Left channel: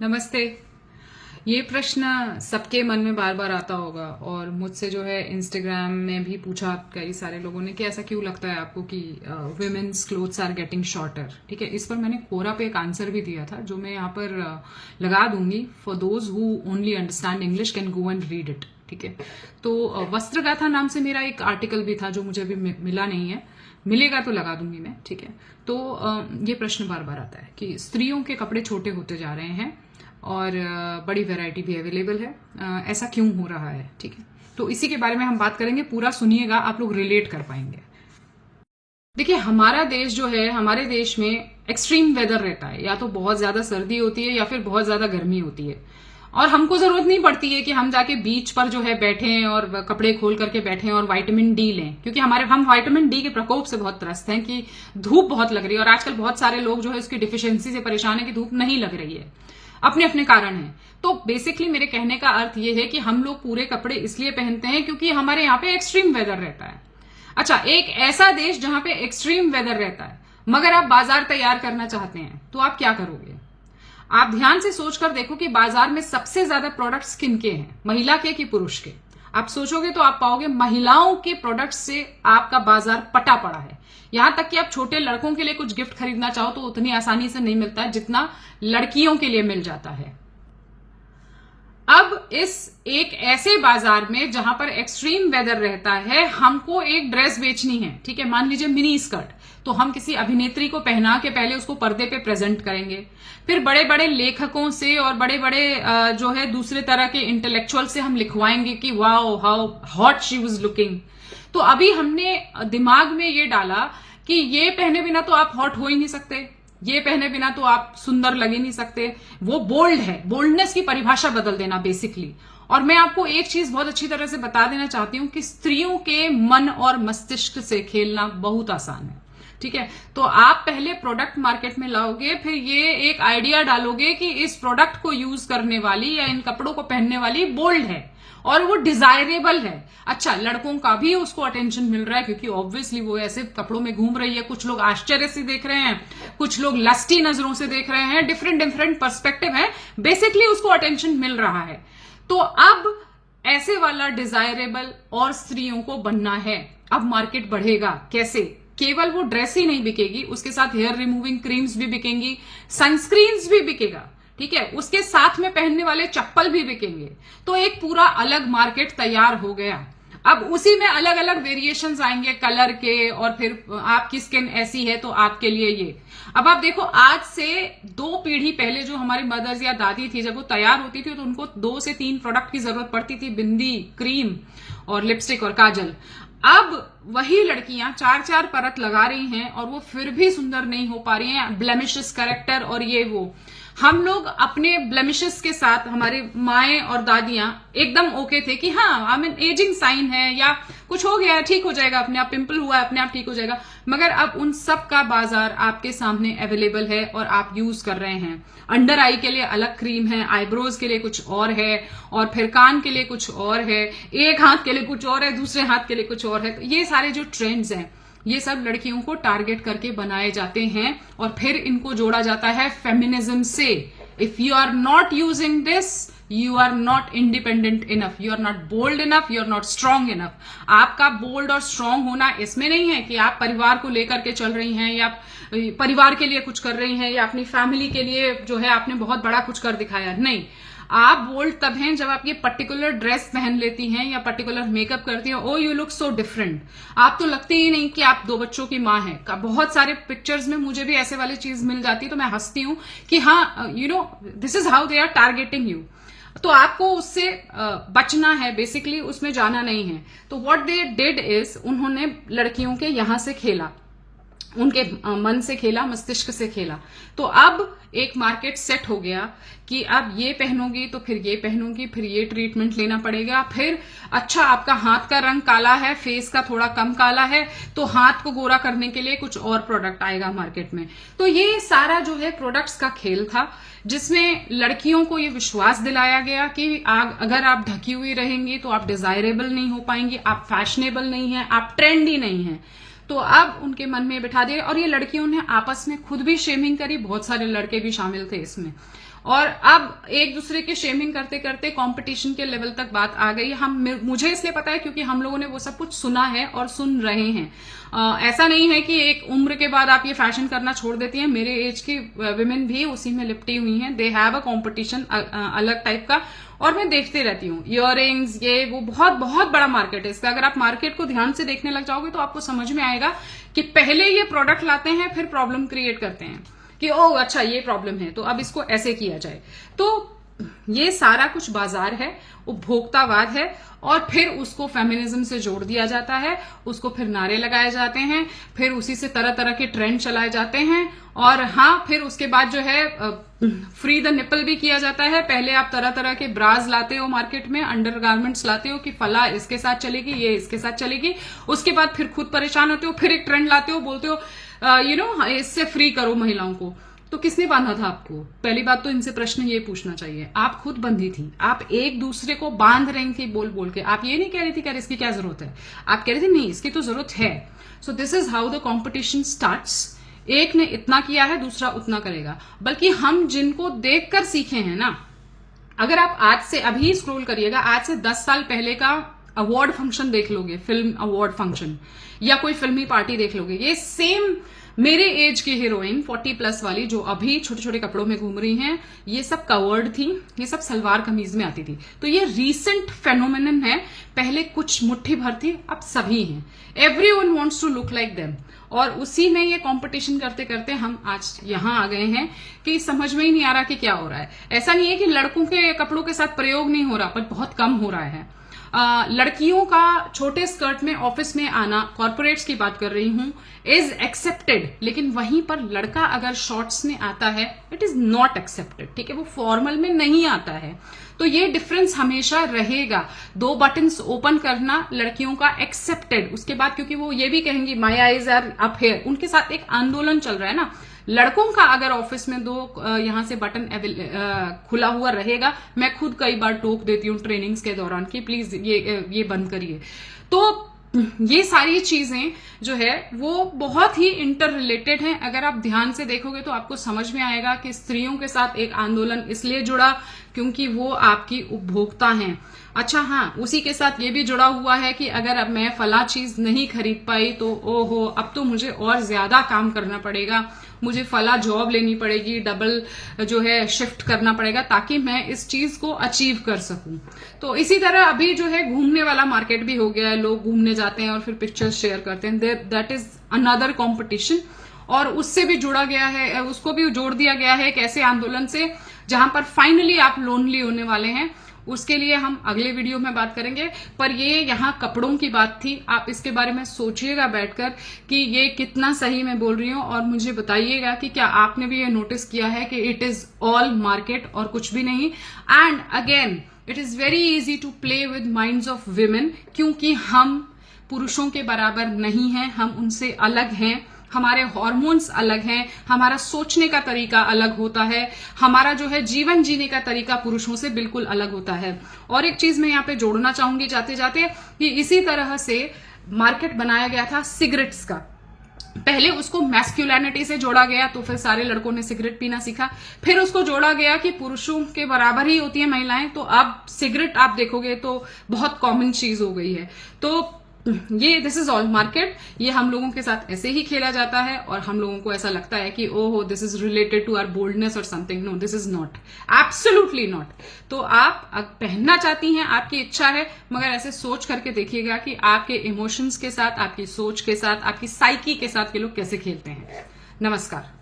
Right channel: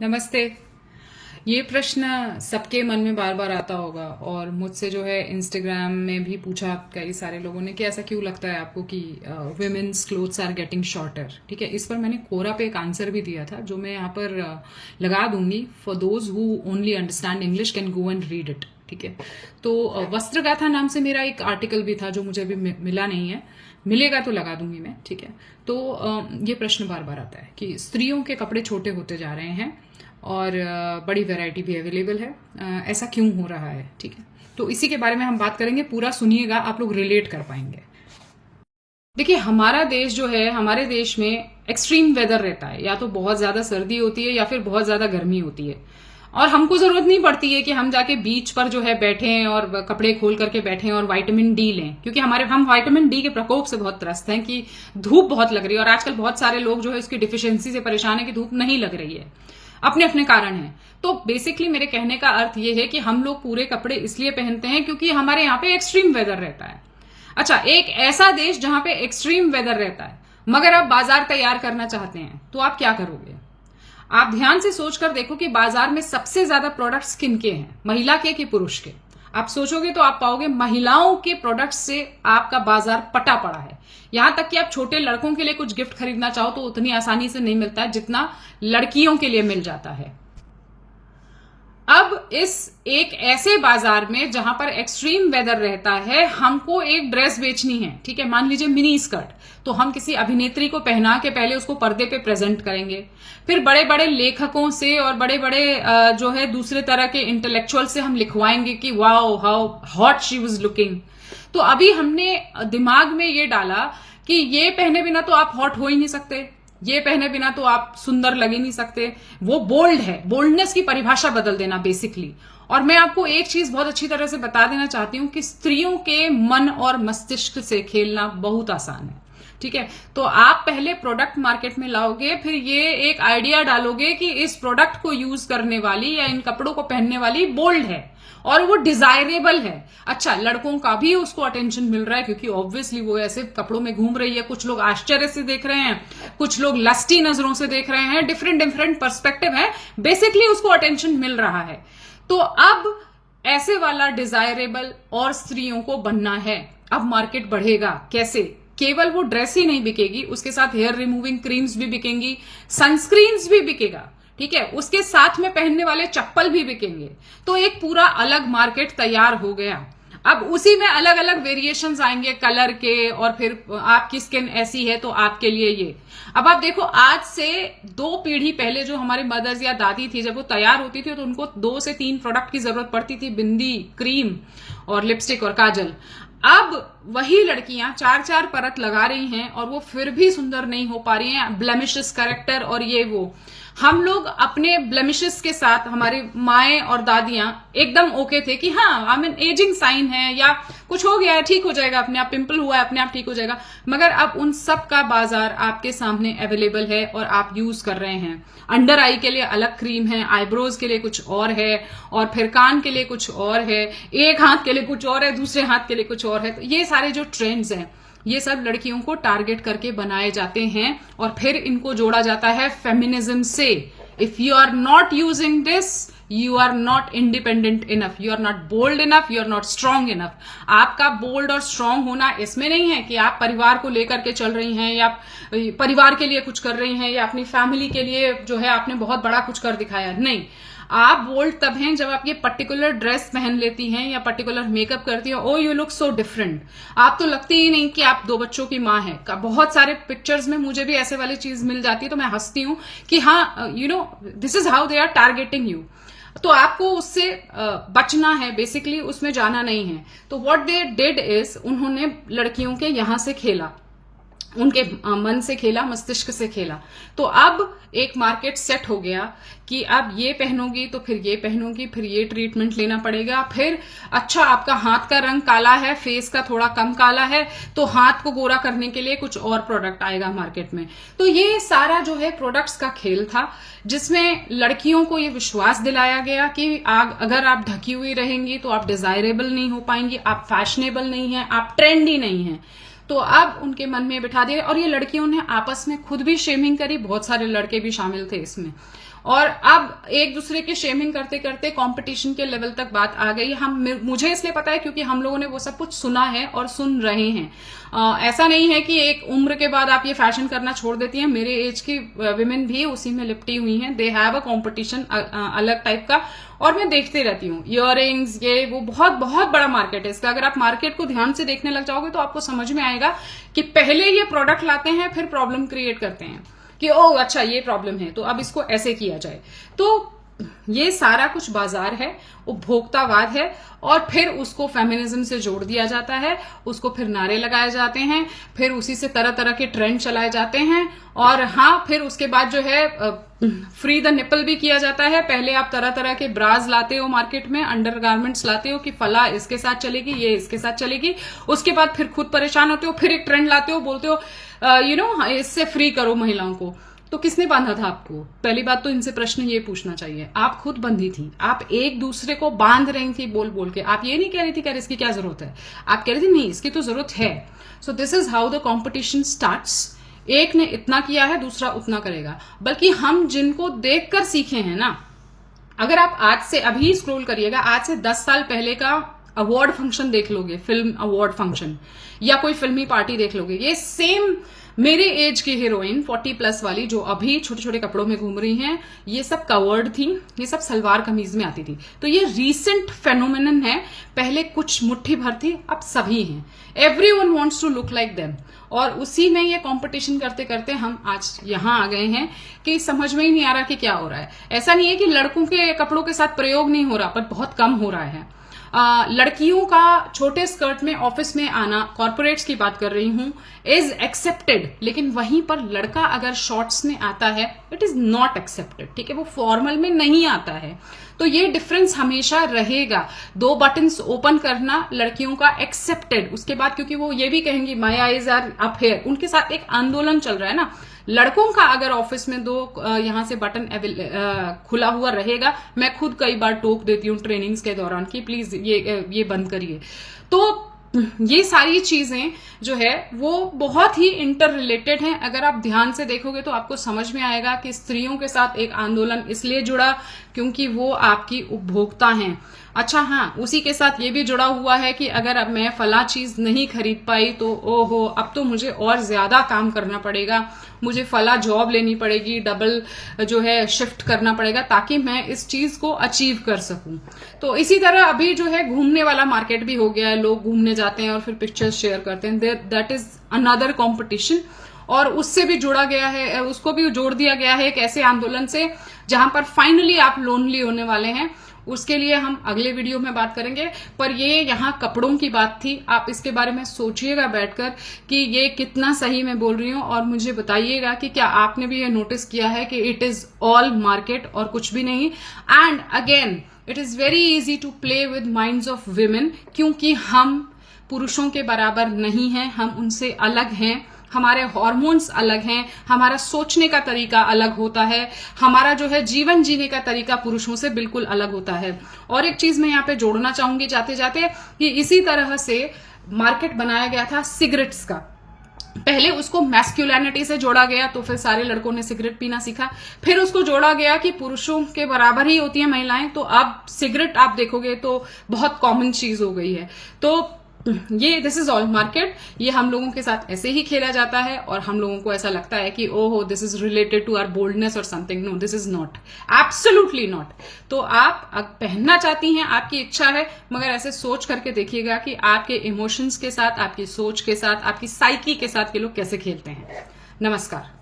नमस्ते। ये प्रश्न सबके मन में बार बार आता होगा और मुझसे जो है इंस्टाग्राम में भी पूछा कई सारे लोगों ने कि ऐसा क्यों लगता है आपको कि women's clothes are getting shorter. ठीक है, इस पर मैंने कोरा पे एक आंसर भी दिया था जो मैं यहाँ पर लगा दूंगी। For those who only understand English can go and read it. ठीक है, तो वस्त्रगाथा नाम से मेरा एक आर्टिकल भी था जो मुझे अभी मिला नहीं है, मिलेगा तो लगा दूंगी मैं। ठीक है, तो ये प्रश्न बार बार आता है कि स्त्रियों के कपड़े छोटे होते जा रहे हैं और बड़ी वैरायटी भी अवेलेबल है, ऐसा क्यों हो रहा है। ठीक है, तो इसी के बारे में हम बात करेंगे, पूरा सुनिएगा, आप लोग रिलेट कर पाएंगे। देखिए, हमारा देश जो है, हमारे देश में एक्सट्रीम वेदर रहता है, या तो बहुत ज्यादा सर्दी होती है या फिर बहुत ज्यादा गर्मी होती है, और हमको जरूरत नहीं पड़ती है कि हम जाके बीच पर जो है बैठें और कपड़े खोल करके बैठें और विटामिन डी लें, क्योंकि हम विटामिन डी के प्रकोप से बहुत त्रस्त हैं कि धूप बहुत लग रही है। और आजकल बहुत सारे लोग जो है उसकी डिफिशियंसी से परेशान है कि धूप नहीं लग रही है, अपने अपने कारण हैं। तो बेसिकली मेरे कहने का अर्थ यह है कि हम लोग पूरे कपड़े इसलिए पहनते हैं क्योंकि हमारे यहाँ पे एक्सट्रीम वेदर रहता है। अच्छा, एक ऐसा देश जहां पे एक्सट्रीम वेदर रहता है मगर आप बाजार तैयार करना चाहते हैं तो आप क्या करोगे? आप ध्यान से सोचकर देखो कि बाजार में सबसे ज्यादा प्रोडक्ट्स किनके हैं, महिला के कि पुरुष के। आप सोचोगे तो आप पाओगे महिलाओं के प्रोडक्ट्स से आपका बाजार पटा पड़ा है। यहां तक कि आप छोटे लड़कों के लिए कुछ गिफ्ट खरीदना चाहो तो उतनी आसानी से नहीं मिलता है जितना लड़कियों के लिए मिल जाता है। अब इस एक ऐसे बाजार में जहां पर एक्सट्रीम वेदर रहता है, हमको एक ड्रेस बेचनी है। ठीक है, मान लीजिए मिनी स्कर्ट, तो हम किसी अभिनेत्री को पहना के पहले उसको पर्दे पे प्रेजेंट करेंगे, फिर बड़े बड़े लेखकों से और बड़े बड़े जो है दूसरे तरह के इंटेलेक्चुअल से हम लिखवाएंगे कि wow how hot she was looking. तो अभी हमने दिमाग में ये डाला कि ये पहने बिना तो आप हॉट हो ही नहीं सकते, ये पहने बिना तो आप सुंदर लग ही नहीं सकते। वो बोल्ड है, बोल्डनेस की परिभाषा बदल देना बेसिकली। और मैं आपको एक चीज बहुत अच्छी तरह से बता देना चाहती हूं कि स्त्रियों के मन और मस्तिष्क से खेलना बहुत आसान है। ठीक है, तो आप पहले प्रोडक्ट मार्केट में लाओगे, फिर ये एक आइडिया डालोगे कि इस प्रोडक्ट को यूज करने वाली या इन कपड़ों को पहनने वाली बोल्ड है और वो डिजायरेबल है। अच्छा, लड़कों का भी उसको अटेंशन मिल रहा है क्योंकि ऑब्वियसली वो ऐसे कपड़ों में घूम रही है। कुछ लोग आश्चर्य से देख रहे हैं, कुछ लोग लस्टी नजरों से देख रहे हैं, डिफरेंट डिफरेंट पर्सपेक्टिव है, बेसिकली उसको अटेंशन मिल रहा है। तो अब ऐसे वाला डिजायरेबल और स्त्रियों को बनना है। अब मार्केट बढ़ेगा कैसे? केवल वो ड्रेस ही नहीं बिकेगी, उसके साथ हेयर रिमूविंग क्रीम्स भी बिकेंगी, सनस्क्रीन्स भी बिकेगा। ठीक है, उसके साथ में पहनने वाले चप्पल भी बिकेंगे। तो एक पूरा अलग मार्केट तैयार हो गया। अब उसी में अलग अलग वेरिएशंस आएंगे कलर के, और फिर आपकी स्किन ऐसी है तो आपके लिए ये। अब आप देखो, आज से 2 पीढ़ी पहले जो हमारी मदर्स या दादी थी, जब वो तैयार होती थी तो उनको 2 से 3 प्रोडक्ट की जरूरत पड़ती थी, बिंदी, क्रीम और लिपस्टिक और काजल। अब वही लड़कियां 4-4 परत लगा रही हैं और वो फिर भी सुंदर नहीं हो पा रही हैं। ब्लेमिशेस करेक्टर और ये वो। हम लोग अपने ब्लेमिशेस के साथ, हमारे माएं और दादियां एकदम ओके थे कि हाँ, आई मीन एजिंग साइन है या कुछ हो गया है, ठीक हो जाएगा, अपने आप पिंपल हुआ है, अपने आप ठीक हो जाएगा। मगर अब उन सब का बाजार आपके सामने अवेलेबल है और आप यूज कर रहे हैं। अंडर आई के लिए अलग क्रीम है, आईब्रोज के लिए कुछ और है, और फिर कान के लिए कुछ और है, एक हाथ के लिए कुछ और है, दूसरे हाथ के लिए कुछ और है। तो ये सारे जो ट्रेंड्स हैं, ये सब लड़कियों को टारगेट करके बनाए जाते हैं और फिर इनको जोड़ा जाता है फेमिनिज्म से। If you are not using this, you are not independent enough, you are not bold enough, you are not strong enough. आपका बोल्ड और स्ट्रांग होना इसमें नहीं है कि आप परिवार को लेकर के चल रही हैं या परिवार के लिए कुछ कर रही हैं या अपनी फैमिली के लिए जो है आपने बहुत बड़ा कुछ कर दिखाया। नहीं, आप बोल्ड तब हैं जब आप ये पर्टिकुलर ड्रेस पहन लेती हैं या पर्टिकुलर मेकअप करती हैं। ओ, यू लुक सो डिफरेंट। आप तो लगती ही नहीं कि आप 2 बच्चों की माँ हैं। बहुत सारे पिक्चर्स में मुझे भी ऐसे वाली चीज मिल जाती है तो मैं हंसती हूं कि हाँ, you know, this is how they are targeting you. तो आपको उससे बचना है, बेसिकली उसमें जाना नहीं है। तो व्हाट दे डिड इज, उन्होंने लड़कियों के यहां से खेला, उनके मन से खेला, मस्तिष्क से खेला। तो अब एक मार्केट सेट हो गया कि अब ये पहनोगी तो फिर ये पहनोगी, फिर ये ट्रीटमेंट लेना पड़ेगा, फिर अच्छा आपका हाथ का रंग काला है, फेस का थोड़ा कम काला है, तो हाथ को गोरा करने के लिए कुछ और प्रोडक्ट आएगा मार्केट में। तो ये सारा जो है प्रोडक्ट्स का खेल था, जिसमें लड़कियों को ये विश्वास दिलाया गया कि अगर आप ढकी हुई रहेंगी तो आप डिजायरेबल नहीं हो पाएंगी, आप फैशनेबल नहीं है, आप ट्रेंडी नहीं है। तो अब उनके मन में बिठा दिया, और ये लड़कियों ने आपस में खुद भी शेमिंग करी, बहुत सारे लड़के भी शामिल थे इसमें, और अब एक दूसरे की शेमिंग करते करते कंपटीशन के लेवल तक बात आ गई। मुझे इसलिए पता है क्योंकि हम लोगों ने वो सब कुछ सुना है और सुन रहे हैं। ऐसा नहीं है कि एक उम्र के बाद आप ये फैशन करना छोड़ देती हैं। मेरे एज की विमेन भी उसी में लिपटी हुई हैं। दे हैव अ कॉम्पिटिशन अलग टाइप का, और मैं देखते रहती हूँ। इयररिंग्स, ये वो बहुत बहुत बड़ा मार्केट है इसका। अगर आप मार्केट को ध्यान से देखने लग जाओगे तो आपको समझ में आएगा कि पहले ये प्रोडक्ट लाते हैं, फिर प्रॉब्लम क्रिएट करते हैं कि ओह अच्छा ये प्रॉब्लम है तो अब इसको ऐसे किया जाए। तो ये सारा कुछ बाजार है, उपभोक्तावाद है, और फिर उसको फेमिनिज्म से जोड़ दिया जाता है, उसको फिर नारे लगाए जाते हैं, फिर उसी से तरह तरह के ट्रेंड चलाए जाते हैं। और हाँ, फिर उसके बाद जो है फ्री द निपल भी किया जाता है। पहले आप तरह तरह के ब्राज लाते हो मार्केट में, अंडर गारमेंट्स लाते हो कि फला इसके साथ चलेगी, ये इसके साथ चलेगी। उसके बाद फिर खुद परेशान होते हो, फिर एक ट्रेंड लाते हो, बोलते हो इससे फ्री करो महिलाओं को। तो किसने बांधा था आपको? पहली बात तो इनसे प्रश्न ये पूछना चाहिए, आप खुद बंधी थी, आप एक दूसरे को बांध रही थी बोल बोल के। आप ये नहीं कह रही थी कि इसकी क्या जरूरत है, आप कह रही थी नहीं इसकी तो जरूरत है। So this is how the competition starts. एक ने इतना किया है, दूसरा उतना करेगा। बल्कि हम जिनको देखकर सीखे हैं ना, अगर आप आज से अभी स्क्रॉल करिएगा, आज से 10 साल पहले का अवार्ड फंक्शन देख लोगे, फिल्म अवार्ड फंक्शन या कोई फिल्मी पार्टी देख लोगे, ये सेम मेरे एज की हीरोइन 40+ वाली जो अभी छोटे छोटे कपड़ों में घूम रही हैं, ये सब कवर्ड थी, ये सब सलवार कमीज में आती थी। तो ये रीसेंट फेनोमेनन है। पहले कुछ मुट्ठी भर थी, अब सभी हैं। Everyone wants to look like them, और उसी में ये कंपटीशन करते करते हम आज यहां आ गए हैं कि समझ में ही नहीं आ रहा कि क्या हो रहा है। ऐसा नहीं है कि लड़कों के कपड़ों के साथ प्रयोग नहीं हो रहा, पर बहुत कम हो रहा है। लड़कियों का छोटे स्कर्ट में ऑफिस में आना, कॉर्पोरेट्स की बात कर रही हूं, इज एक्सेप्टेड। लेकिन वहीं पर लड़का अगर शॉर्ट्स में आता है, इट इज नॉट एक्सेप्टेड। ठीक है, वो फॉर्मल में नहीं आता है। तो ये डिफरेंस हमेशा रहेगा। 2 बटन्स ओपन करना लड़कियों का एक्सेप्टेड। उसके बाद क्योंकि वो ये भी कहेंगी my eyes are up here, उनके साथ एक आंदोलन चल रहा है ना। लड़कों का अगर ऑफिस में 2 यहां से बटन खुला हुआ रहेगा, मैं खुद कई बार टोक देती हूँ ट्रेनिंग्स के दौरान कि प्लीज ये बंद करिए। तो ये सारी चीजें जो है वो बहुत ही इंटर रिलेटेड हैं। अगर आप ध्यान से देखोगे तो आपको समझ में आएगा कि स्त्रियों के साथ एक आंदोलन इसलिए जुड़ा क्योंकि वो आपकी उपभोक्ता हैं। अच्छा हाँ, उसी के साथ ये भी जुड़ा हुआ है कि अगर अब मैं फला चीज नहीं खरीद पाई तो ओहो, अब तो मुझे और ज्यादा काम करना पड़ेगा, मुझे फला जॉब लेनी पड़ेगी, डबल जो है शिफ्ट करना पड़ेगा ताकि मैं इस चीज को अचीव कर सकूं। तो इसी तरह अभी जो है घूमने वाला मार्केट भी हो गया है। लोग घूमने जाते हैं और फिर पिक्चर्स शेयर करते हैं, दैट इज अनदर कॉम्पिटिशन। और उससे भी जुड़ा गया है, उसको भी जोड़ दिया गया है एक ऐसे आंदोलन से जहां पर फाइनली आप लोनली होने वाले हैं। उसके लिए हम अगले वीडियो में बात करेंगे। पर ये यहाँ कपड़ों की बात थी, आप इसके बारे में सोचिएगा बैठकर कि ये कितना सही मैं बोल रही हूँ, और मुझे बताइएगा कि क्या आपने भी ये नोटिस किया है कि इट इज ऑल मार्केट और कुछ भी नहीं। And again it is very easy to play with minds of women, क्योंकि हम पुरुषों के बराबर नहीं हैं, हम उनसे अलग हैं। हमारे हार्मोन्स अलग हैं, हमारा सोचने का तरीका अलग होता है, हमारा जो है जीवन जीने का तरीका पुरुषों से बिल्कुल अलग होता है। और एक चीज मैं यहाँ पे जोड़ना चाहूंगी जाते जाते कि इसी तरह से मार्केट बनाया गया था सिगरेट्स का। पहले उसको मैस्कुलिनिटी से जोड़ा गया, तो फिर सारे लड़कों ने सिगरेट पीना सीखा। फिर उसको जोड़ा गया कि पुरुषों के बराबर ही होती है महिलाएं, तो अब सिगरेट आप देखोगे तो बहुत कॉमन चीज हो गई है। तो ये दिस इज ऑल मार्केट। ये हम लोगों के साथ ऐसे ही खेला जाता है और हम लोगों को ऐसा लगता है कि ओहो this is related to our boldness और something. No, this is not, absolutely not. तो आप पहनना चाहती हैं, आपकी इच्छा है, मगर ऐसे सोच करके देखिएगा कि आपके इमोशंस के साथ, आपकी सोच के साथ, आपकी साइकी के साथ ये लोग कैसे खेलते हैं। नमस्कार।